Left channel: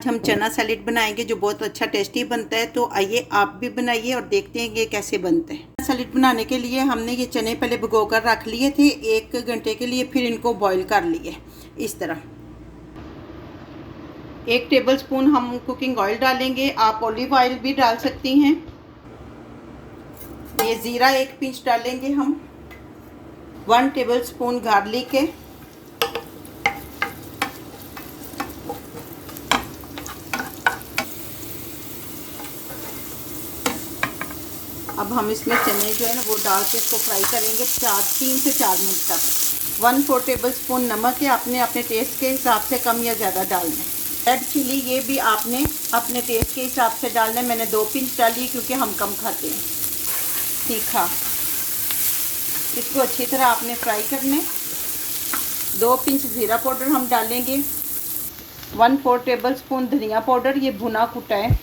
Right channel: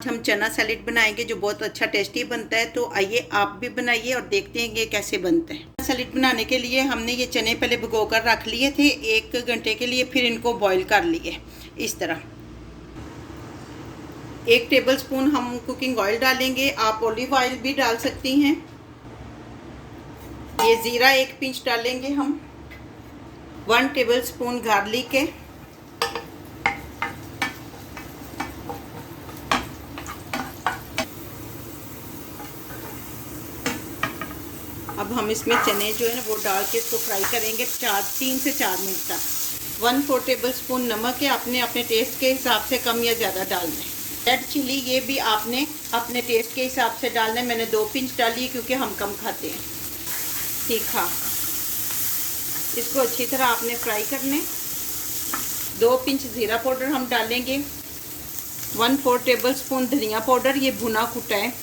हम चना सैलेड बनाएंगे जो बहुत अच्छा टेस्टी बनता है। तो आइए आप भी बनाइए और देखते हैं ये कैसे बनता है। चना सैलेड बनाने के लिए हमने ये चने पहले भिगो कर रख लिए थे 1 घंटे के लिए, फिर इनको बॉईल कर लिए इस तरह। 1 टेबलस्पून हम कुकिंग ऑयल डालेंगे, आप ऑलिव ऑयल भी डाल सकती हैं। ये ज़ीरा 1 पिंच डालेंगे हम। 1 टेबलस्पून गार्लिक है। अब हम इसमें चने जो है ना वो डाल के इसको फ्राई करेंगे 3 से 4 मिनट तक। 1/4 टेबलस्पून नमक है, आपने अपने टेस्ट के हिसाब से कम या ज़्यादा डालना है। रेड चिली ये भी आपने अपने टेस्ट के हिसाब से डालना है। मैंने 2 पिंच डाली क्योंकि हम कम खाते हैं तीखा। इसको अच्छी तरह आपने फ्राई करने। 2 पिंच ज़ीरा पाउडर हम डालेंगे। 1/4 टेबलस्पून धनिया पाउडर, ये भुना कुटा है।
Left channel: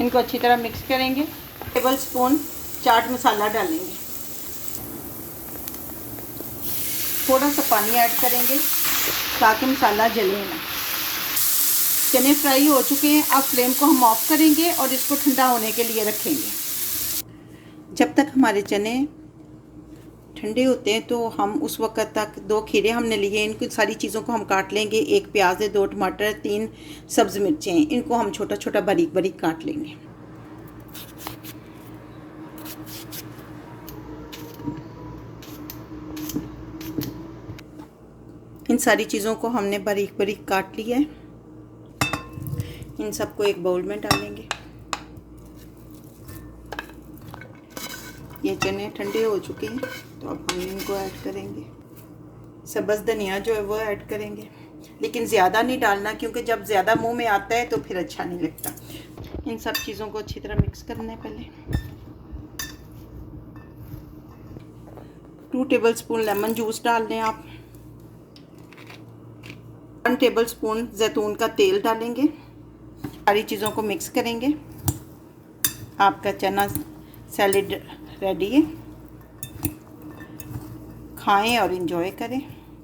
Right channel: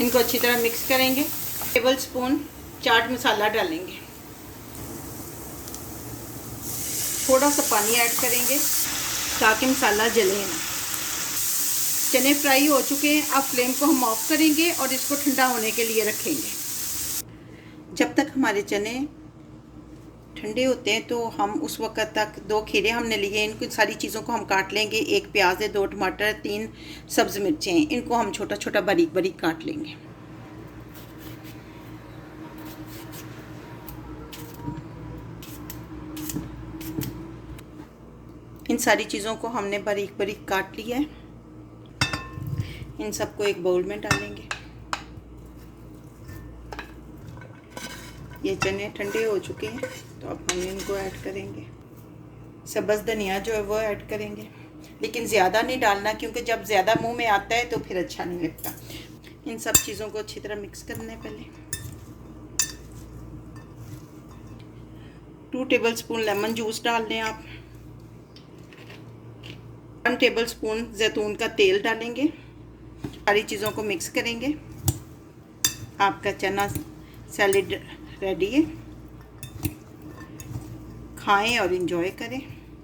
इनको अच्छी तरह मिक्स करेंगे। टेबलस्पून चाट मसाला डालेंगे। थोड़ा सा पानी ऐड करेंगे ताकि मसाला जले ना। चने फ्राई हो चुके हैं, अब फ्लेम को हम ऑफ करेंगे और इसको ठंडा होने के लिए रखेंगे। जब तक हमारे चने ठंडे होते हैं तो हम उस वक्त तक 2 खीरे हमने लिए, इनको सारी चीज़ों को हम काट लेंगे। 1 प्याज है, 2 टमाटर, 3 सब्ज़ मिर्चें हैं, इनको हम छोटा छोटा बारीक बारीक काट लेंगे। इन सारी चीज़ों को हमने बारीक बारीक काट लिया है। इन सबको एक बाउल में डालेंगे। ये चने ठंडे हो चुके हैं तो अब हम इनको ऐड करेंगे। सब्ज़ धनिया जो है वो ऐड करेंगे, लेकिन ज़्यादा नहीं डालना क्योंकि जब ज़्यादा मुंह में आता है तो फिर अच्छा नहीं लगता। इन सब चीज़ों को अच्छी तरह मिक्स करना है। पहले 2 टेबलस्पून लेमन जूस डाल दें आप। 1 टेबलस्पून जैतून का तेल डालेंगे। सारी चीज़ों को मिक्स करेंगे। आपका चना सैलेड रेडी है। खाएं और एंजॉय करें।